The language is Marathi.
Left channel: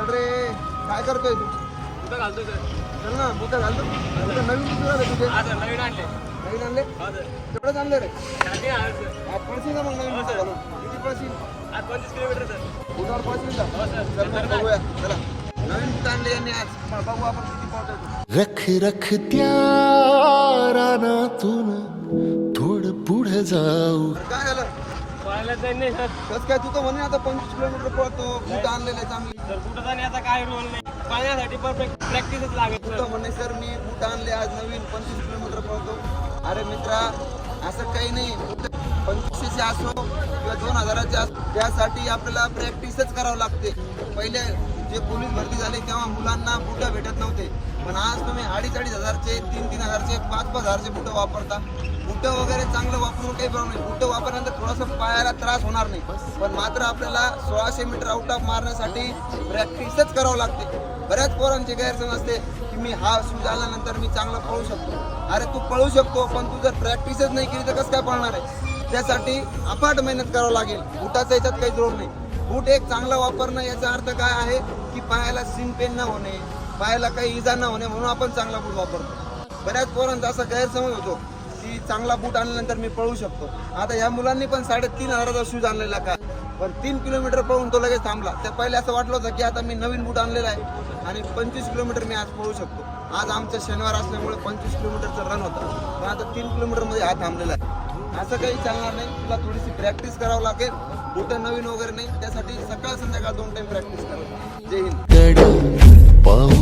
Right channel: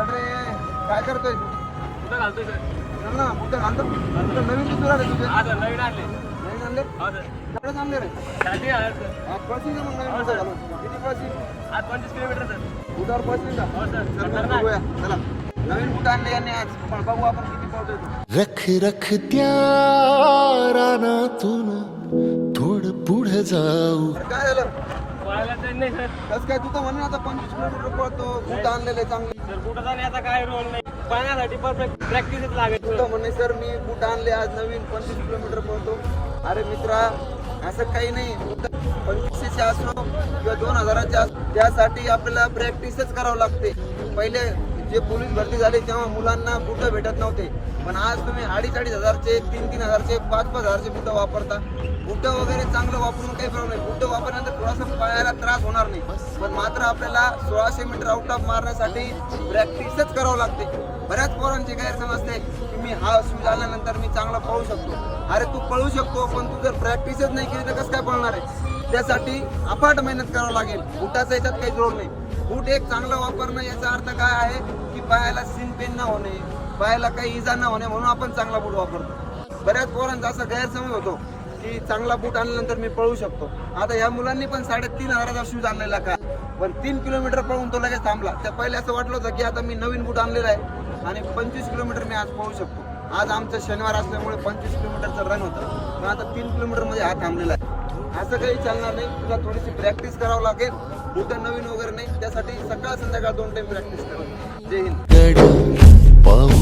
चल रे. काय करतोय? कुठं घालतोय सर? चल ना कुठं घालतो? कुठं नवीन कुठं तुझे? हा नवीन आणले. नवीन आणले? हा सर. केवढे आणले रे. हा, हो, आज पंचवीस किलोमीटर सर. उदार हो बघूया. चला. नवीन कुठं आणले यांनी आज? बघू आपण किती. रख रख त्या रानातून थोडं पुढे जाऊ. काय झालं? कसं काय तू तर म्हणे आता पंचवीस किलोमीटर पळतो. कुठं आणलेलं चांगली. सर कुठं जाण्याचा काय रोल नाही. पळण्यासाठी परफेक्ट प्रॅक्टिसच लागेल तुला म्हणणे सर मी बूट आणले आज नवीन पंचवीस किलोमीटर पळतो. अरे मित्रा असं काही नाही. पंचवीसशे असो किंवा दोन हजाराचे असो त्यासाठी आपल्याला प्रॅक्टिसच करावं लागते. पहिले जे पोलीस भरती झाले तेव्हा मुलांना बुटं भेटत नव्हते. पण आज तुम्ही अडीच अडीच हजारचे तीन तीन हजारचे पाच पाच हजारचे बुटं वापरता. बुटं वगैरे चांगलं वापरून काही प्रॉब्लेम नाही. बुटं वापरल्यानंतर थोडासा पायाला त्रास होणार नाही. पण मात्र आपल्याला सोळाशे मीटर आउट ऑफ मारण्यासाठी प्रॅक्टिसच करावं लागते. बऱ्याच पोरांची गैरसमज असते की मी हा शूज आल्यानंतर मी चांगला पळू शकतो. अरे तू पळू शकतो पण तू जर प्रॅक्टिसच नाही केली तर कसं काय पळणार आहे? त्यासाठी अफाट मेहनत करावं लागेल. बुटाचा याच्यात काही जोड नाही. बूट एक चांगला वापरणं याचा अर्थ काय आहे की पायाला सीन पेन न होणे पायाला काही इजा न होणे म्हणून आपण चांगला बूट वापरतो. बऱ्याच पोरांचा असा गैरसमज होतो. की चांगला बूट आणल्यानंतर मी पळू शकतो. आता या मुलांनी पण साडेतीन हजाराचा शूज आणलेला का? पण तीन किलोमीटर पळून तो लगेच थांबला. त्या पहिले असं वाटलं होतं की आता मी नवीन बूट आणलेला आहे आणि पंचवीस किलोमीटर मी आज पळू शकतो. आज आमचं शनिवार असल्यामुळे पंचवीस किलोमीटरचा रन होता. पण आता तीन किलोमीटरमध्ये हा थांबलेला आहे. असं काही चालणार नाही. तुला थोडीशी प्रॅक्टिस करावं लागेल. बुटं नवीन वगैरे नाही. त्यासाठी सकाळ संध्याकाळ दोन टाईम प्रॅक्टिस करावं जय हिंद.